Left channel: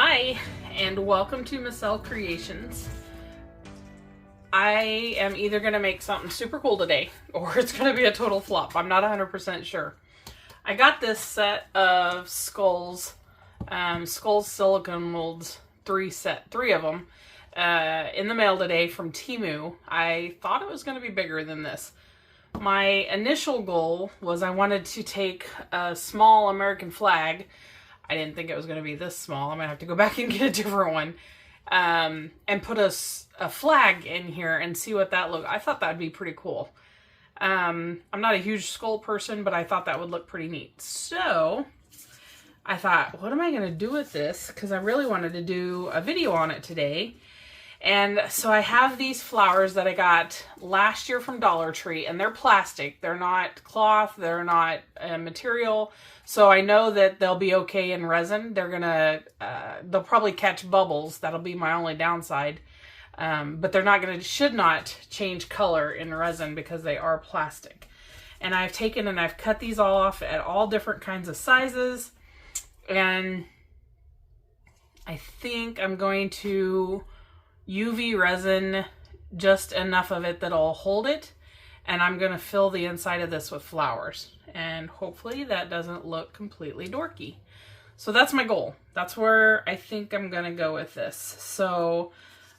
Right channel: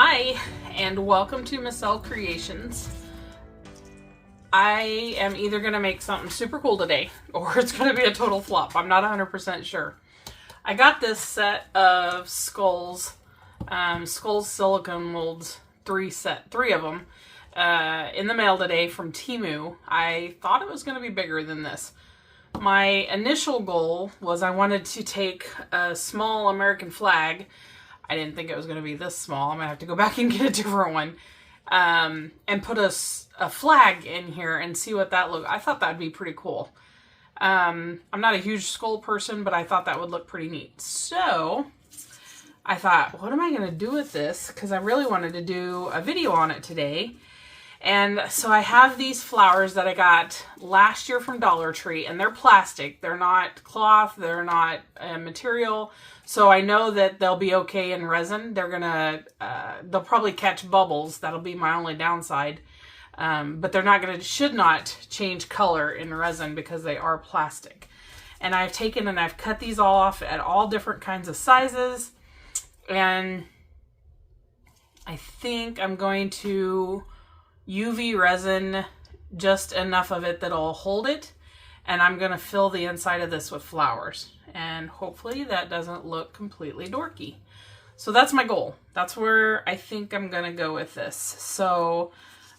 Hi, and welcome to Michelle Creations. I am either going to make something super cool today, or it's going to be a total flop. I'm not 100% sure. I got this set of skulls, silicone molds, three of them, in the mail today from Temu. I thought it was going to be bigger than this. My initial goal was I wanted to take a small American flag. I didn't think it was going to be this small. I'm going to have to go back and get a different one. And put a flag in here and see what that looked. I thought that would be pretty cool. I'm not a huge skull person, but I thought that would look pretty neat. So I thought, what am I going to do with this? Because I really wanted to do a video on it today. And so I have these flowers that I got last year from Dollar Tree, and they're plastic. They're not cloth. They're not material. So I know that they'll be okay in resin. They'll probably catch bubbles. That'll be my only downside. But they're should not change color in resin because they are plastic. And I've taken and I've cut these all off at all different kinds of sizes. And I think I'm going to UV resin just enough of it that'll hold it. And I'm going to fill the inside of this with flowers. And hopefully that doesn't look completely dorky. So that's my goal. That's where I think I'm going to go with this. So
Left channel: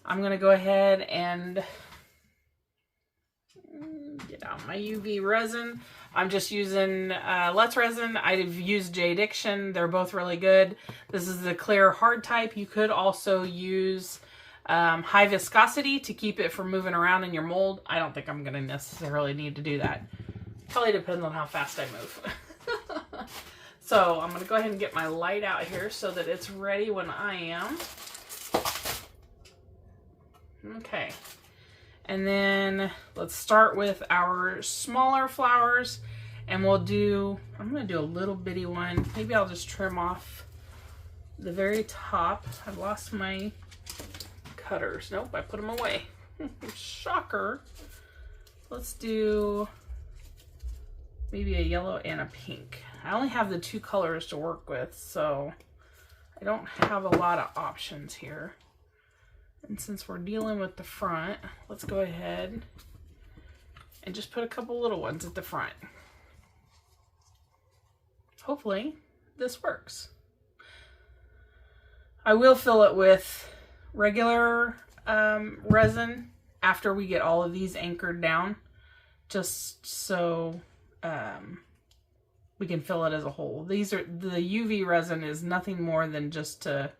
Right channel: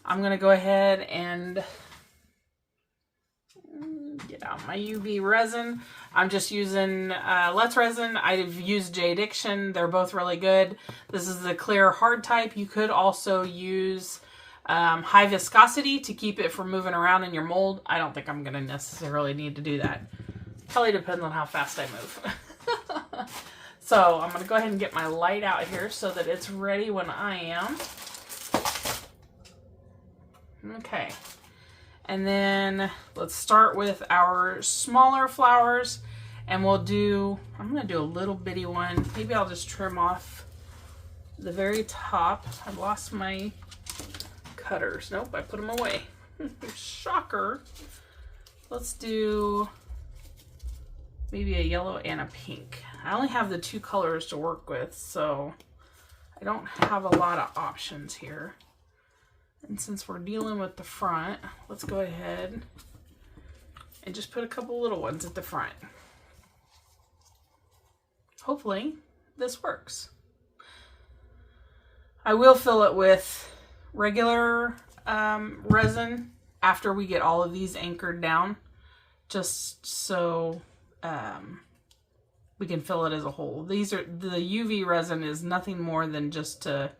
I'm going to go ahead and get out my UV resin. I'm just using Let's Resin. I've used J-Diction. They're both really good. This is the clear hard type. You could also use high viscosity to keep it from moving around in your mold. I don't think I'm going to necessarily need to do that. Probably depends on how fast I move. So I'm going to go ahead and get my light out here so that it's ready when I am. Okay. And then let's start with our smaller flowers, and I'm going to do a little bitty one. Maybe I'll just trim off the very top. I lost my cutters. Nope, I put them away. Shocker. Let's do maybe a yellow and a pink. I only have the two colors to work with, so I don't have a lot of options here. And since we're dealing with the front, let's go ahead and just put a couple little ones at the front. Hopefully this works. I will fill it with regular resin after we get all of these anchored down, just so we can fill it as a whole. The UV resin is nothing more than just to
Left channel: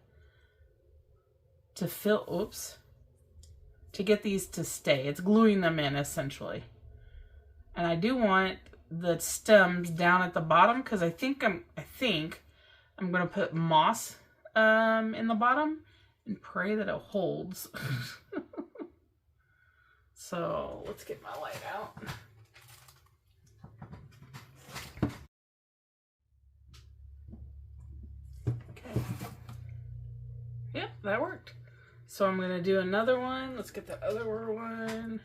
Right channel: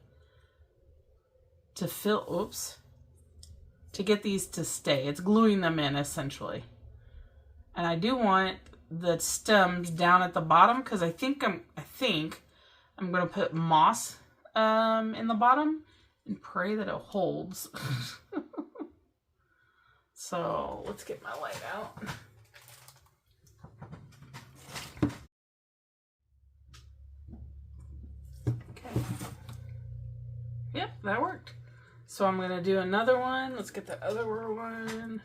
get these to stay. It's gluing them in essentially. And I do want the stems down at the bottom because I think I'm going to put moss in the bottom and pray that it holds. So let's get my light out. Okay. Yep, that worked. So I'm going to do another one. Let's get the other one.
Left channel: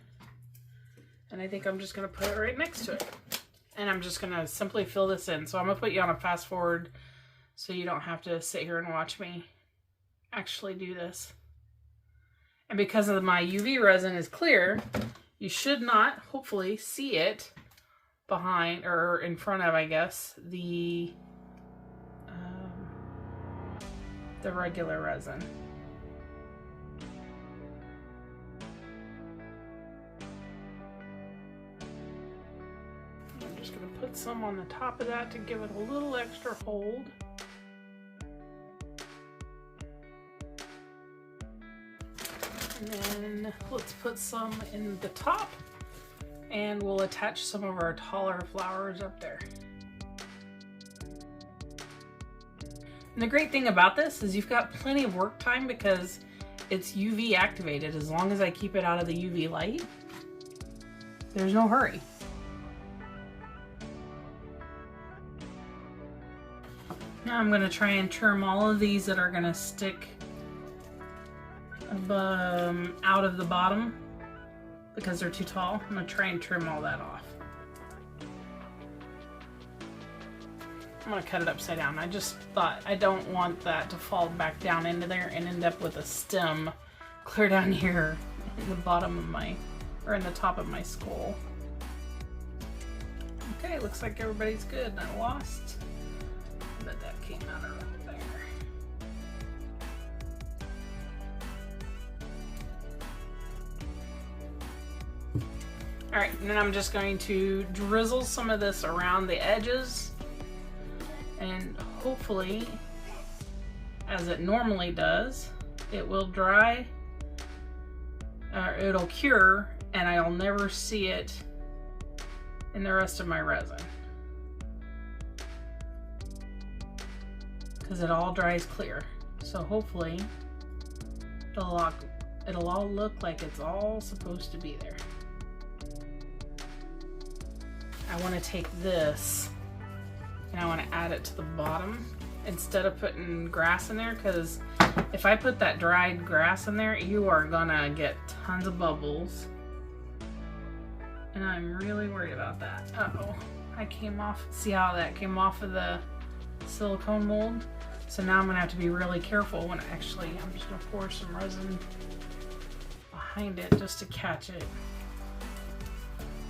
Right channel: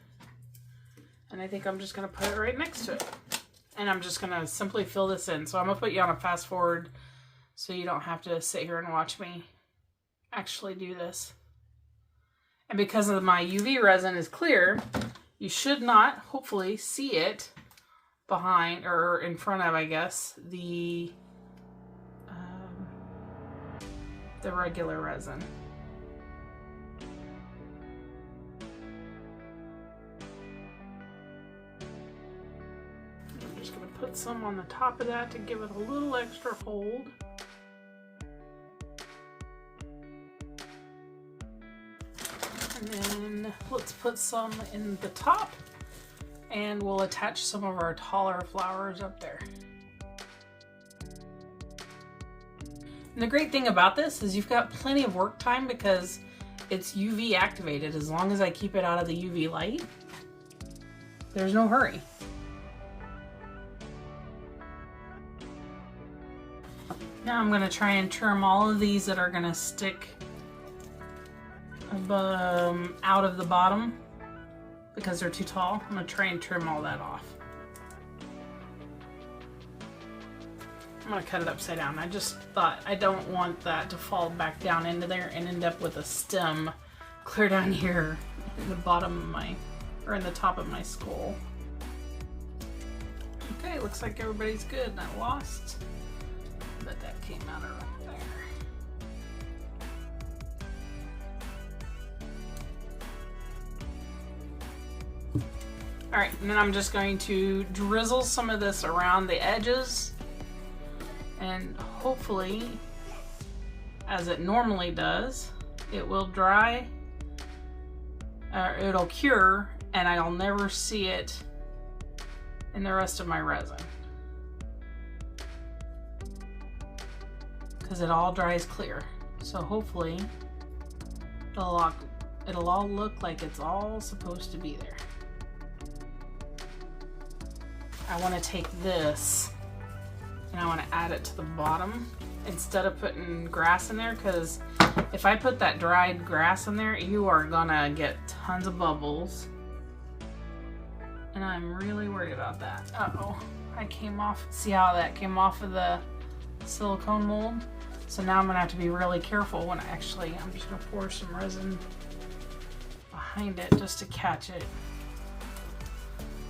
And I think I'm just going to put it right next to it. And I'm just going to simply fill this in. So I'm going to put you on a fast forward so you don't have to sit here and watch me actually do this. And because of my UV resin is clear, you should not, hopefully, see it behind or in front of, I guess, the regular resin. I'm just going to put some on the top of that to give it a little extra hold. And then let's put some in the top, and we'll attach some of our taller flowers up there. And the great thing about this is you've got plenty of work time because it's UV activated. As long as I keep it out of the UV light, there's no hurry. Now I'm going to try and trim all of these that are going to stick out of the bottom because they're too tall. I'm going to try and trim all that off. I'm gonna cut it upside down. I just thought I don't want that to fall back down into there and end up with a stem clear down here in the bottom of my, or in the top of my skull. Okay, looks like everybody's good. I lost, but that came out of right there. All right, and then I'm just going to drizzle some of this around the edges, and hopefully, as it normally does, it will dry, or it'll cure, and I'll never see it in the rest of my resin, because it all dries clear. So hopefully it'll all look like it's all supposed to be there. I want to take this and I want to add it to the bottom instead of putting grass in there, because if I put that dried grass in there, you are gonna get tons of bubbles. And I'm really worried about that. Uh-oh, I came off, see how that came off of the silicone mold? So now I'm gonna have to be really careful when I'm just gonna pour some resin behind it just to catch it.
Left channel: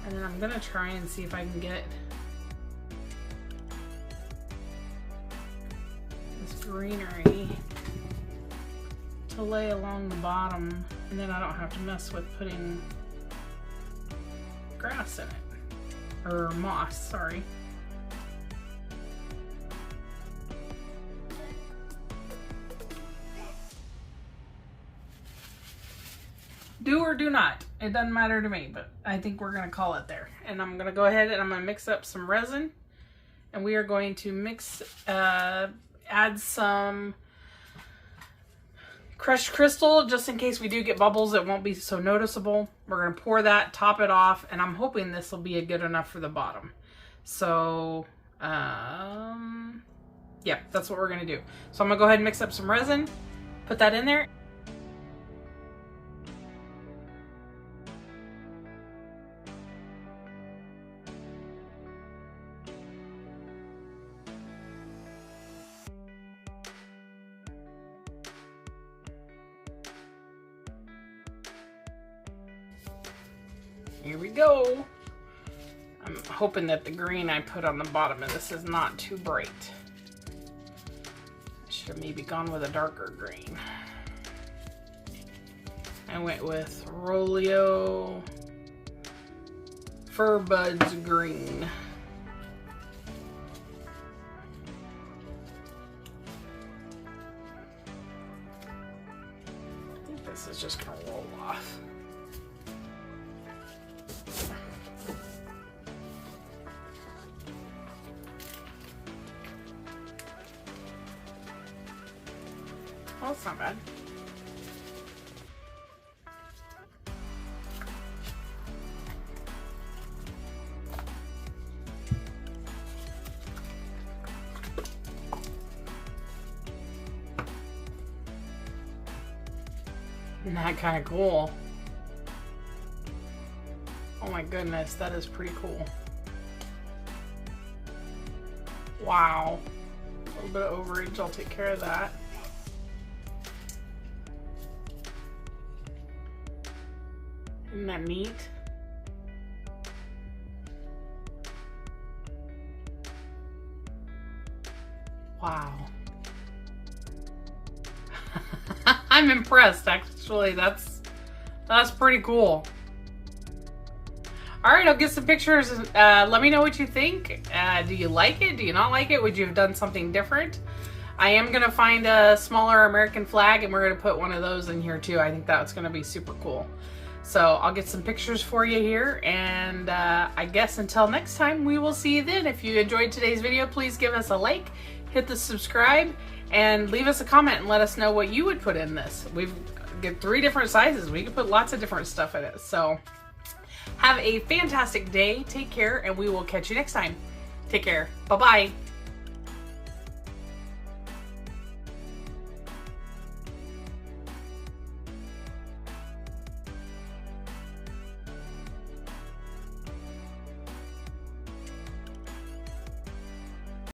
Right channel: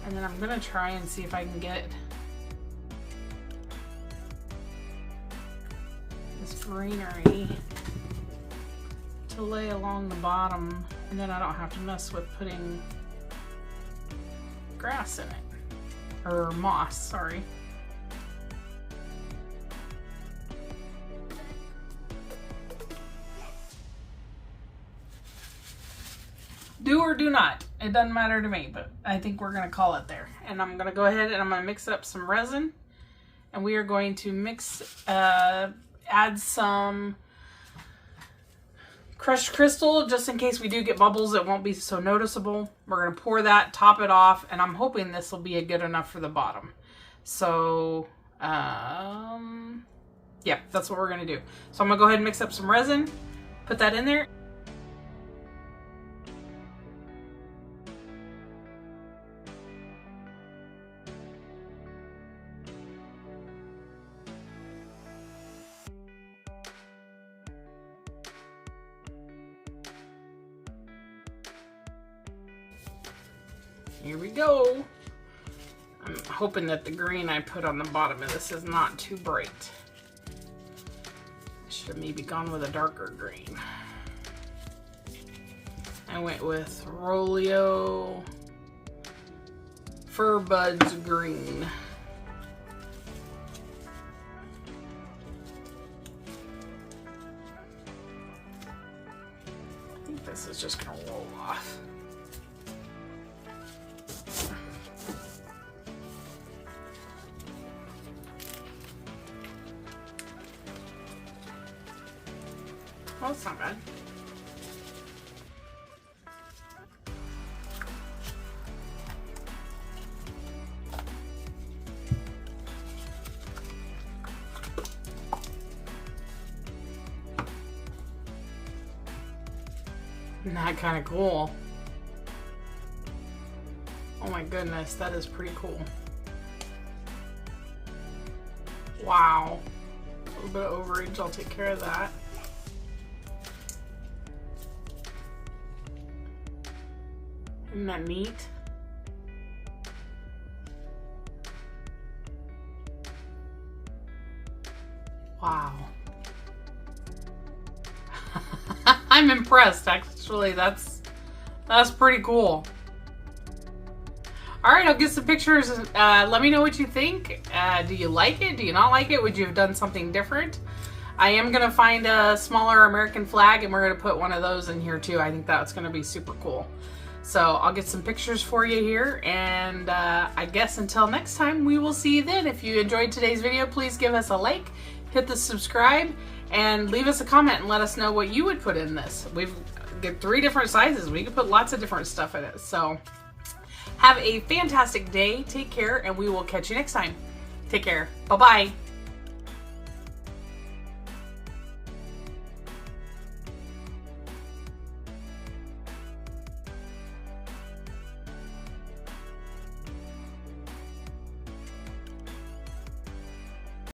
And then I'm gonna try and see if I can get this greenery to lay along the bottom, and then I don't have to mess with putting grass in it, or moss, sorry. Do or do not, it doesn't matter to me, but I think we're gonna call it there. And I'm gonna go ahead and I'm gonna mix up some resin, and we are going to add some crushed crystal, just in case we do get bubbles, it won't be so noticeable. We're gonna pour that, top it off, and I'm hoping this will be good enough for the bottom. So, yeah, that's what we're gonna do. So I'm gonna go ahead and mix up some resin, put that in there. Here we go. I'm hoping that the green I put on the bottom of this is not too bright. I should have maybe gone with a darker green. I went with Rolio Fur Buds Green. I think this is just gonna roll off. Well, it's not bad. Isn't that kind of cool? Oh my goodness, that is pretty cool. Wow. A little bit of overage, I'll take care of that. Isn't that neat? Wow. I'm impressed, actually. That's pretty cool. All right, I'll get some pictures. Let me know what you think. Do you like it? Do you not like it? Would you have done something different? I am gonna find a smaller American flag and we're gonna put one of those in here too. I think that's gonna be super cool. So I'll get some pictures for you here, and I guess until next time, we will see you then. If you enjoyed today's video, please give us a like, hit the subscribe, and leave us a comment and let us know what you would put in this. We've got 3 different sizes. We can put lots of different stuff in it. So have a fantastic day. Take care, and we will catch you next time. Take care. Bye-bye.